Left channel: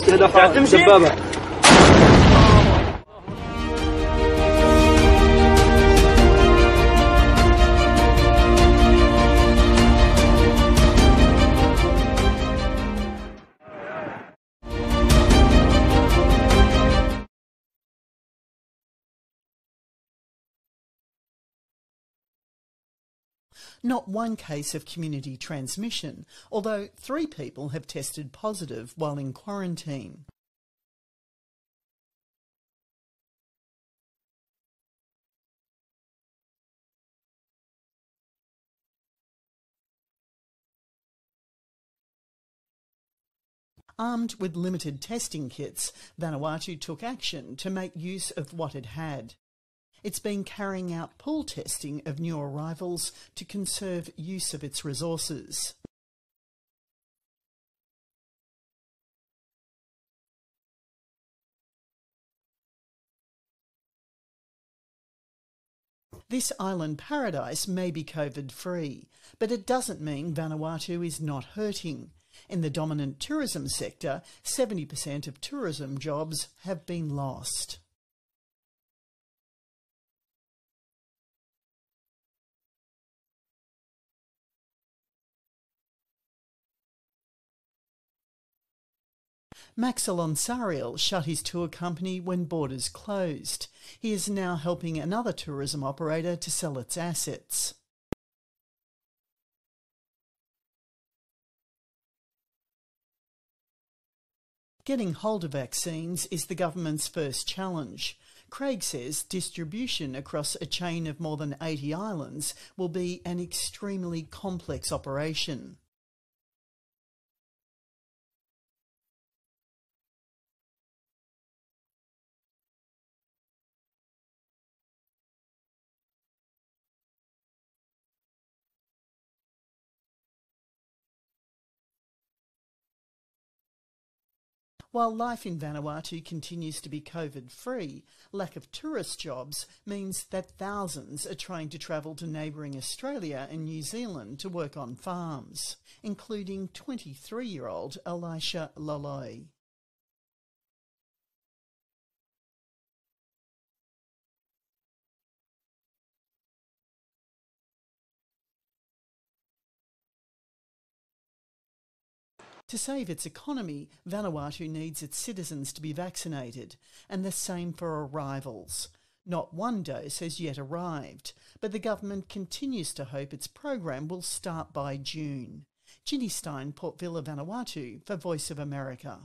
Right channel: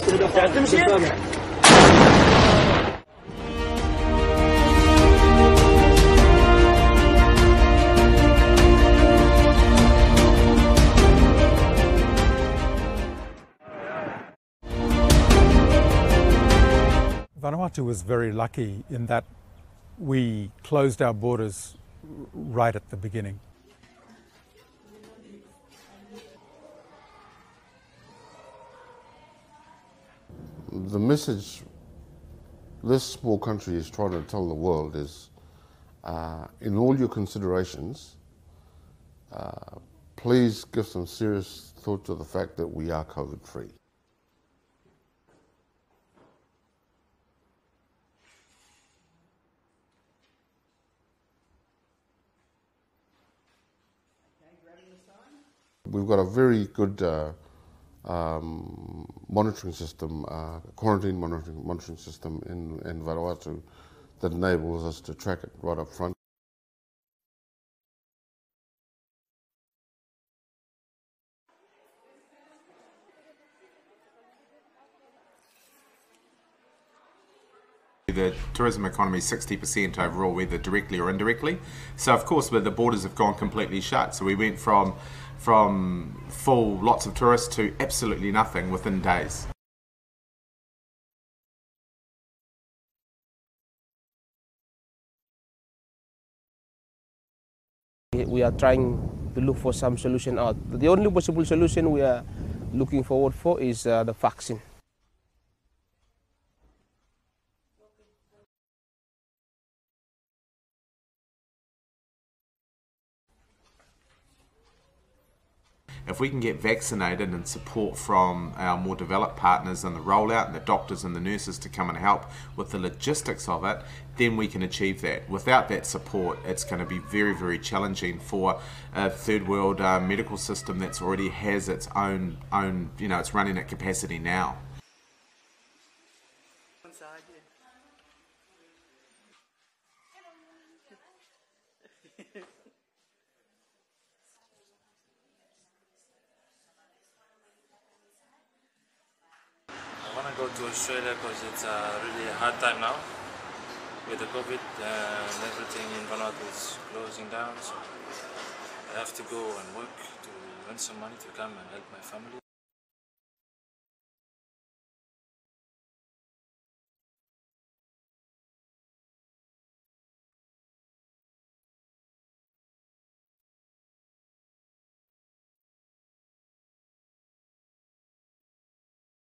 Vanuatu was very lucky in that we closed our borders right at the beginning. Not one case of community transmission, although 3 people have tested positive while in quarantine. The message this small country is trying to tell the world is, in all your considerations, please give some serious thought to the fact that we are COVID-free. Armed with limited testing kits, Vanuatu took action to make use of what it had. It's been carrying out pool testing of new arrivals to conserve use of its resources. We've got a very good monitoring system, quarantine monitoring system in Vanuatu that enables us to track it right up front. This island paradise may be COVID-free, but it doesn't mean Vanuatu is not hurting. In the dominant tourism sector, 70% of tourism jobs have been lost. The tourism economy is 60% overall, whether directly or indirectly. So of course, the borders have gone completely shut. So we went from full lots of tourists to absolutely nothing within days. Max Alonsariel shut his tour company when borders closed. He is now helping another tourism operator to sell its assets. We are trying to look for some solution out. The only possible solution we are looking forward for is the vaccine. Getting hold of vaccines is the government's first challenge. Craig says distribution across a chain of more than 80 islands will be an extremely complex operation. If we can get vaccinated and support from our more developed partners and the rollout and the doctors and the nurses to come and help with the logistics of it, then we can achieve that. Without that support, it's going to be very, very challenging for a third world medical system that's already has its own, it's running at capacity now. While life in Vanuatu continues to be COVID-free, lack of tourist jobs means that thousands are trying to travel to neighbouring Australia and New Zealand to work on farms, including 23-year-old Elisha Loloi. I want to go to Australia because it's really a hard time now. With the COVID and everything in Vanuatu is closing down, so I have to go and work to earn some money to come and help my family. To save its economy, Vanuatu needs its citizens to be vaccinated, and the same for arrivals. Not one dose has yet arrived, but the government continues to hope its program will start by June. Ginny Stein, Port Vila, Vanuatu, for Voice of America.